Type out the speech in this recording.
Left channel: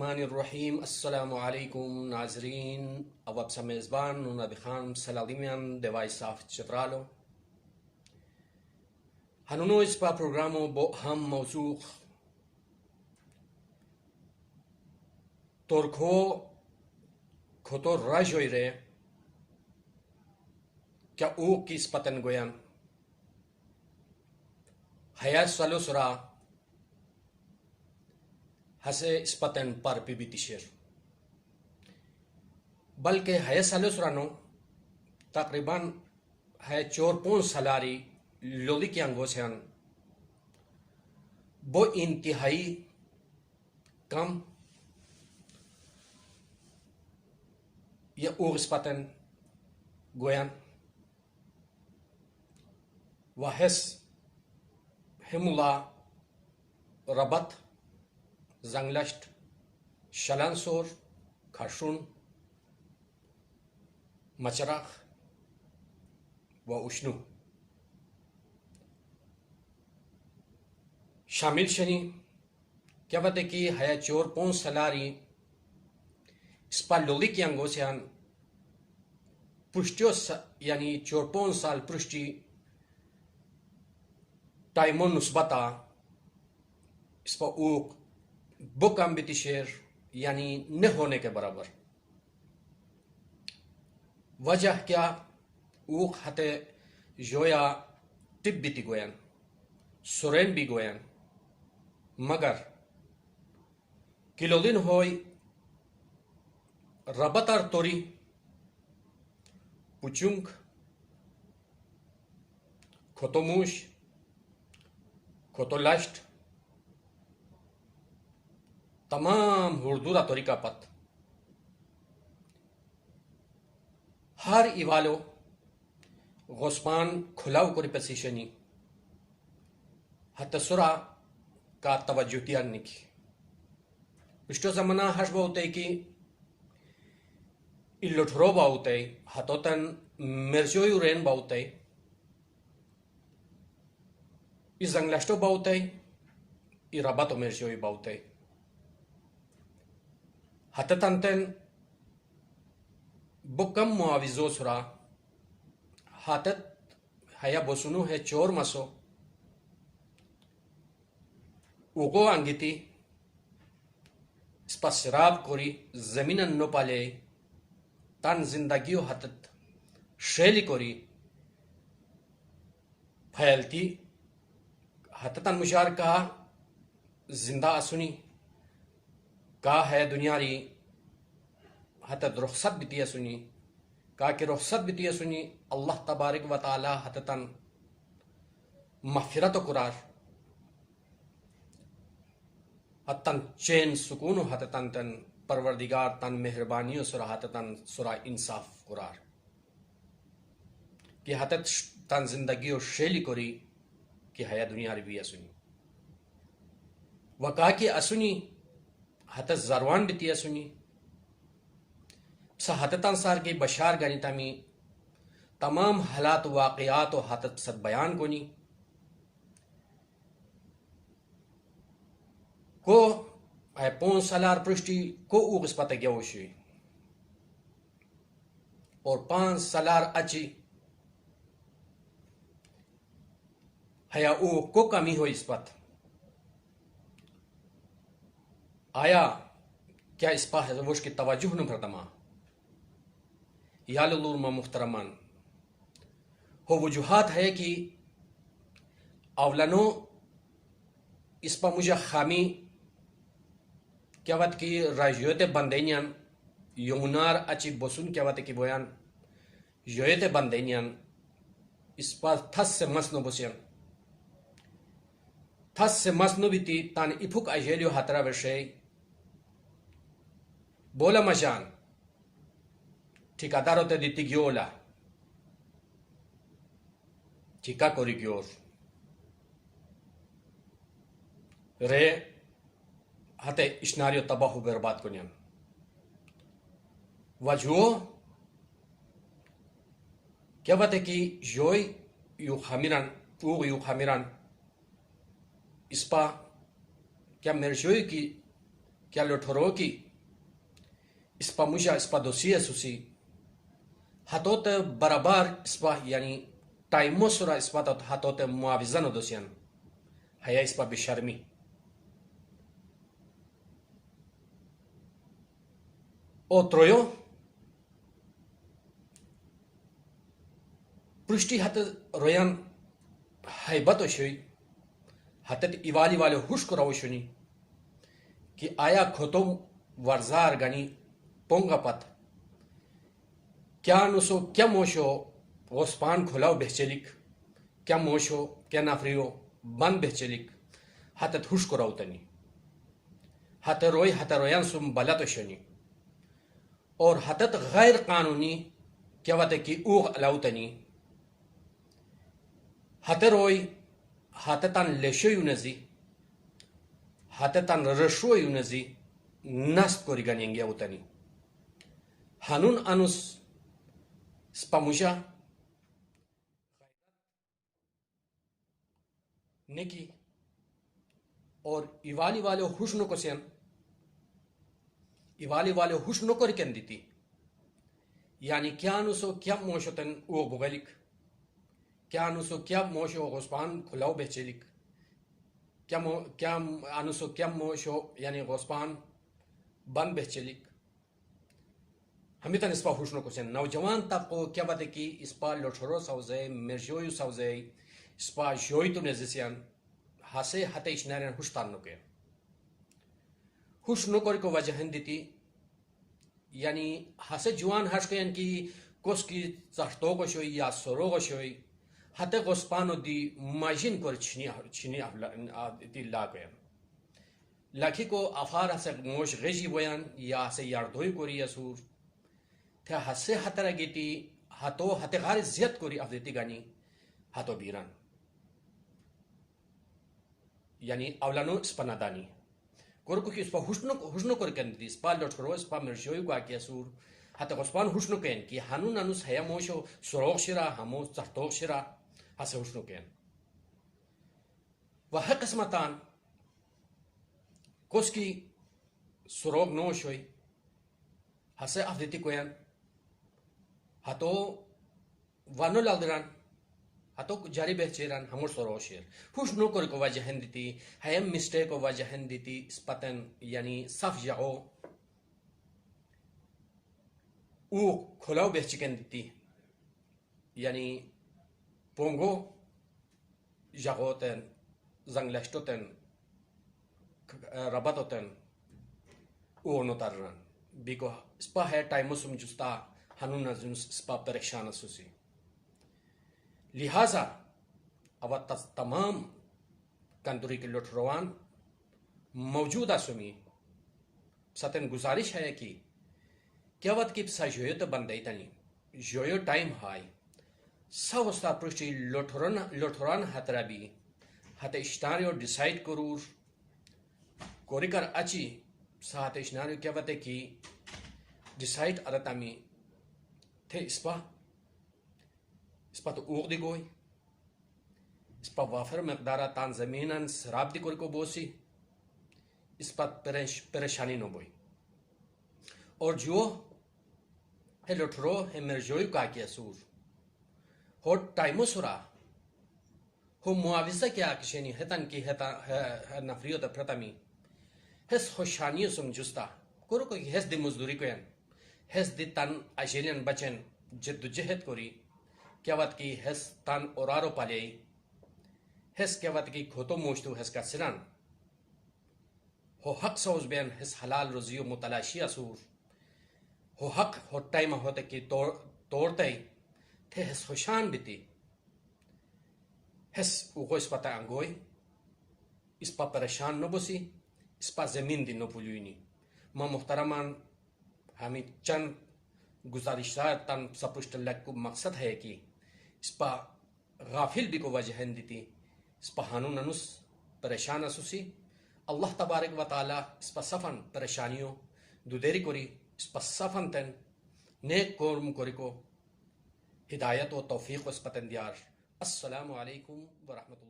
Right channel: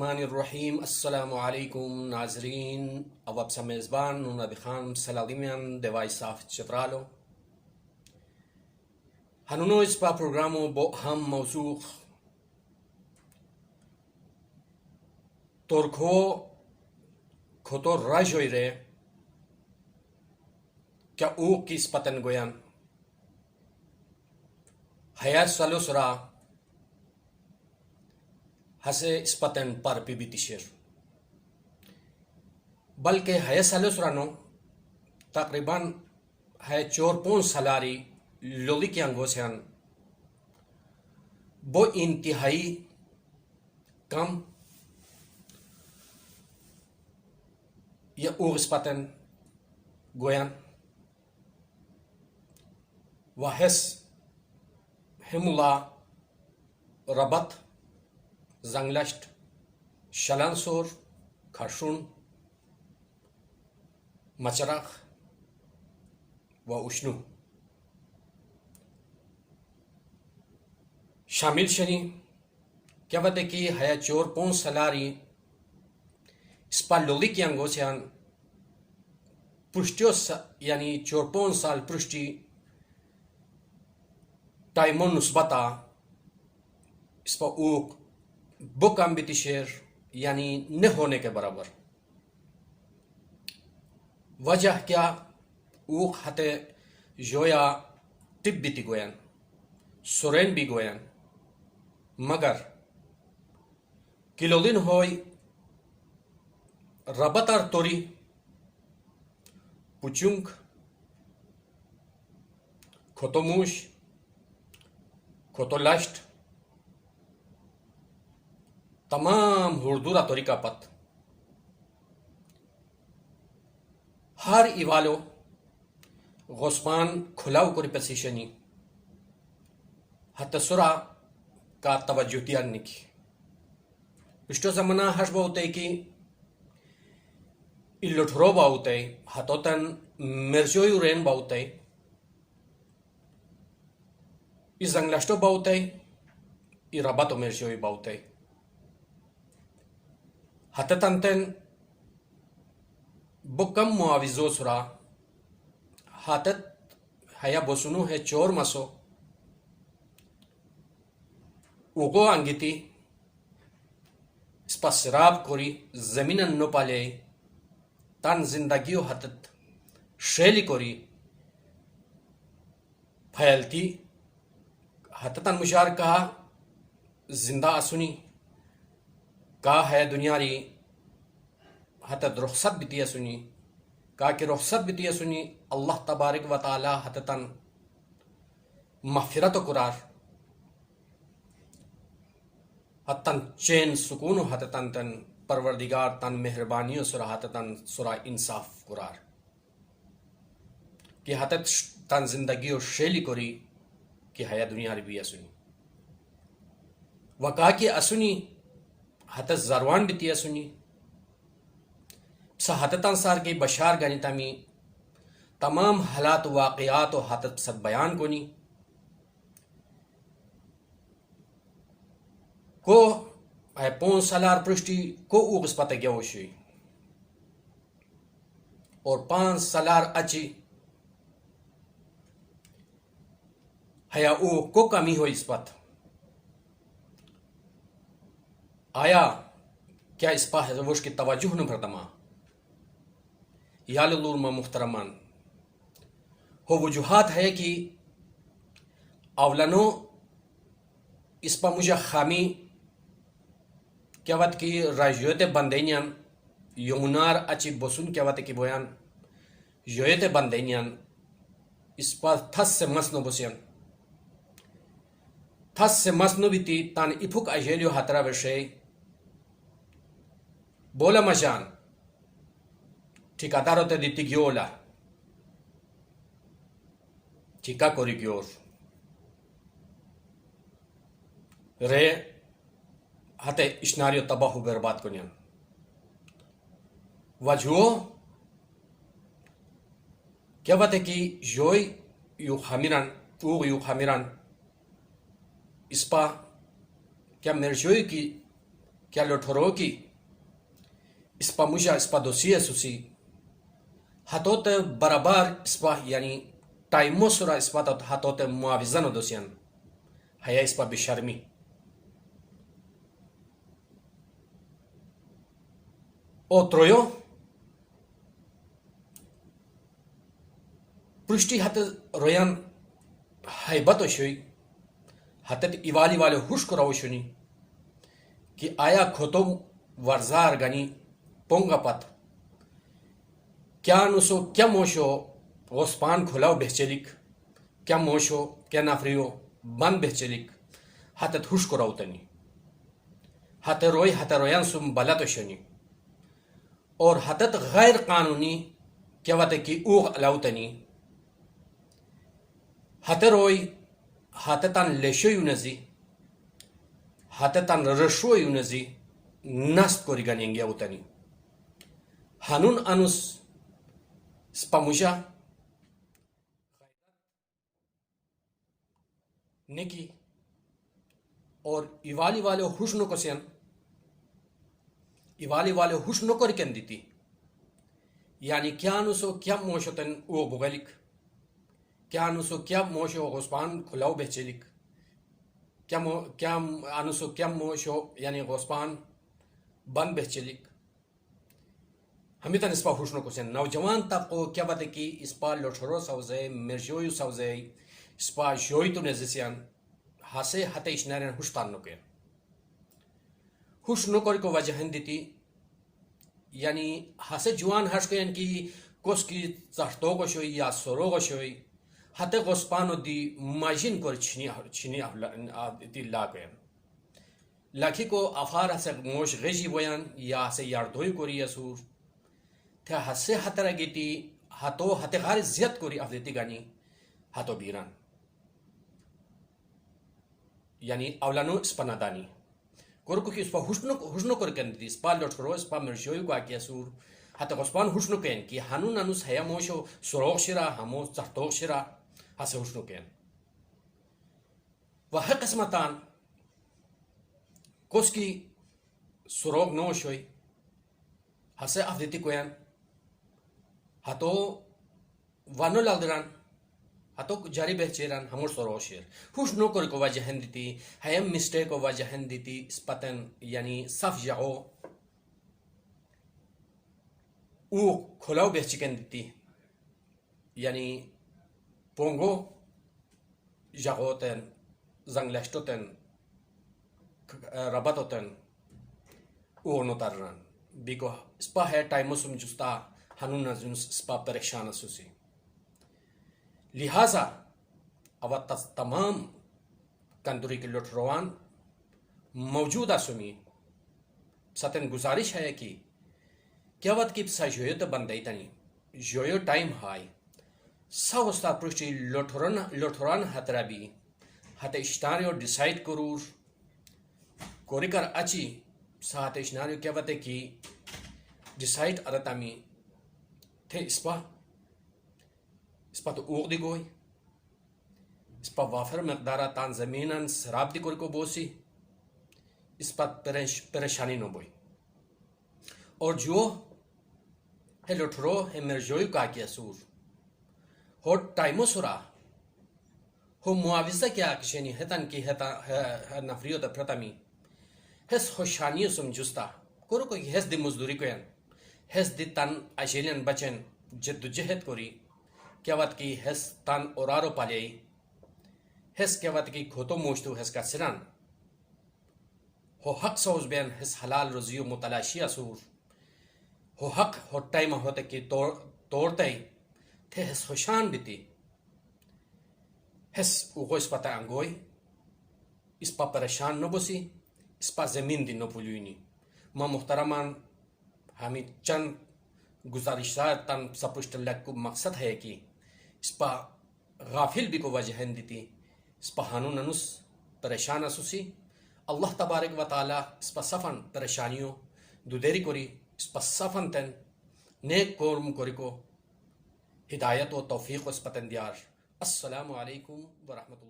الرحمن الرحیم. السلام علیکم ناظرین. اب سا میزبان نبی خان سلادیمیان دوای صاف چترالو. هنونو اسپا پروگرامو با هم موضوع ترکو کھوتو راژوئے رے کیا او کس پتن گویان حیا سالو سرا ہسے اسپتن پر پی بیتی شیر بلکہ ہے سالو سرانو تقریباً ہے 4-5 سالاری لولی کی انگوسیان وہ انتہائی کم یا او اسپتن گویان وحس ہمولا ربط زنگلشت شلانسور کھرشون مچرخ و اشنو شامل شنی کیا بتے کی ہے 4-5 سالاری اسپا لولی کی انگوسیان پرشتیو یعنی 4-5 سال پرشتی ٹائمون نسبتا اسپا اوک بکم بیتی شیر یعنی نہ ہونے کے برابر. وجہ کیا اوک ہتے جویا ٹپ بیتی گوین سورین بھی گوین مگر کلو دن ہوئی ربطر توری پچنک کھوتو موش کھوتو لشت تمام ہردورا طریقہ پت ہر ایوالو غسپان کھلاو کری پسیشنی حتی سرا کا توجہ دیان نکی پشتو زمانہ ہش باوتے کی اللٹھرو باوتے حتو تن مرزویو رین باوتے ای زنگلشتو باوتے ای ربطو مرزوی باوتے حتی تنتن بکم معاوضو سرا حتت حیا بسنو ہے چور مسو اوگو انگیتی اسپا سیراب کوری زمینن نو پالے تن زندگیو حتت شیلی کوری پھیلتی حتتن مشار کہا زندہ اسونی کا ہے دنیاری حتت رخصت بیتی اسونی کا کہ رخصت بیتی اسونی اللہ تبارک و تعالی حتتن مغفرت و قرار حتن چین سکون و حتتن تن پروردگار تن مہربانی و سرا حتتن سرا انصاف قرار کہ حتت تن زندگی و شیلی کوری کہ حیا دنیاری بھی اسونی وکا کی اسونی حتت زروان بیتی اسونی سا حتتن سار کی بشار گنی تمی تمام حالات و واقعات و حتت سب بیان کنی کو اے 5 سالار پرشتی کو اوغس پتہ گیا ہوشی اور 5 سالار اچی حیا او کو کمی ہوئی اس پت آیا کیا اس پا حضوش کی توجہ نہ پردما یا للولما محترمان ہو وجوہات ہے کہ اولانو اس پا مجھے خامی کیا وقت کی راژوئے بندینیان یمنار اچی بسون کیا وقت کی بویان یویت بندینیان اس پا تھس سے مسنو بسیان تھس سے مسنو بیتی تان افک اجیلیو حترہ بشے بولا مجان ٹھیکادارو تے دیتی گیولا ٹھیکا کوری گیور رے ہتے اشناریو تباہو برباد کنیان وجہو کیا بات ہے کہ یوی یو خامیران او یو خامیران اسپا کیا مرجوی کی کیا لٹھرو کی اسپا مشا اسپا دوسیه سوسی حتوت برابر اسپا یعنی تایمو سورا اسپا تا حتوت معاوضن دوسیان هيا اسپا بشرمی او ترویو پرشتی حت رویان حیبت شوی حتت ایوالی والے ہوش کو روشنی کہ آیا کھوتم ورزار گنی پونگا پت کیا نسو کیا موشو غسپان کھلاو بہچلک کیا موشو کیا نافریو بند بہچلک حتت ہوش کو روتنی حت رویان سم بلت شنی اور حتت غیر قانونی کیا وتے کی اوغ علاوتنی حت روی حتتان لیشو یونزی حتتان رشو یونزی نست کوری گنینگی اوتنی هنون انوس سپاموشا نکی اور ایوالی والے ہوش نو کسین ایوالی والے ہوش نو کر کن دیتی یعنی کیا نوسو کیا موشتن او بغلک کیا انوسو کیا موشو غسپان کھلاو بہچلک کیا انوسو کیا موشو یعنی غسپان بند بہچلک ہمیتن اسپا ہوشنو کسین نوجوان طبقو کیا بات کی اسپا لٹھرو سوزے مرجویو سوزے اسپا جوی تو نزسیان ہاسے ہتے اشنارین ہوشتان نکے ہوش نکر کو وجہ ہندیتی یعنی ہاسے جوان ہش کو یعنی کی کس کی چہتو کو شوی یا سورو کو شوی حتی غسپانو دی ماجین کر چنی دی لاگوین لکھی کو افار ہسے موش غیجی بویان یا ہسے یاردوی کوری اسور تھے ہسے حتی رگیتی حتی غار زیاد کوری افدیتی گانی حتی بیران یعنی اولانو اسپا ندانی کورکو کی اسپا ہوشنو کر کندی اسپا لٹھرو اسپا مرشوی کو آکی اسور حتی غسپان ہوشنو کن کی ہنون انوس ہیا موشو سروغ شرا ہمو چہتوغ شرا ہسے ہوشنو کن وہی قسمتان کس کی سروغ نو شوی ہسے افدیتی کوین ہتو ونو لگدران ہتو جاری بہچیران ہمو سروغ شیر ہوش نو کر کو وجہ ہندیتی ہیم مسٹیک کو وجہ ہندیتی اسپتن یعنی صف جاؤ او کھلاو بہچکن دیتی یعنی پونگو جاغوتن زنگلشتوتن ربطوتن او نوتران بیکو اسپا ہے ٹائمو سم جستا ہنون نزنس اسپا پریشان سوسی لہذا اوات تمام کندوری کے لٹھروان موجودہ سمی ستن گزارش ہے کہ کیا وقت کی پسا جویو تو بندائی تنی جویو ٹائم ہائی سا وستا پرشتی لٹھران حترا بھی حتی اشتاریو ڈیسائیڈ کرور کوری کر اچی سا حتی اشتاریو کیا وقت کی ڈیسائیڈ ارتامی تھے اسپا تو اوغ دی گوئی اسپا وافر مقدارہ تان زمینن سیراب دی کوری کو بوسی اسپا پریشانی نو بوئی اور جو ہے لٹھرو ہے مرجوی کا کیا سور ہو ٹائمو سورا ہو معاوضہ کیا کشنی ہتن کی نفریو تا پرتمی ہس خوشانیو سم جستا کورو کوئی ہس دی مزدوری کوین ہس دی تن اجیلین بچن جد جہد کوری کیا وقت کی ہس تن اورارو پالیئی ہس کیا وقت کی کھوتو موشتو ہس کا سران ہو حق سوز بین ہس حلال رزیو متلاشی اسور ہو حق ہو ٹائم ہوتے کی توڑتے تھے ہس خوشان بیتی ہس اوگو اس پتا انگوئی اس پا پریشان نو بسی اس پا زمین دی نو پولیونی ما محترمان ہمیں چند گزارشات تن سپشت لگ کو مقصد ہے کہ اس پا غافل بھی کو وجہ دیتی اس پا ہانون انس پریشان اسوسی اللہ تبارک و تعالی اس پا صفن پریشانیوں دو دیری کوری اس پا صفن تن نیک کورم کوری کو ہدایت و توفیق و اس پتن دیار. السلام علیکم ورحمۃ اللہ.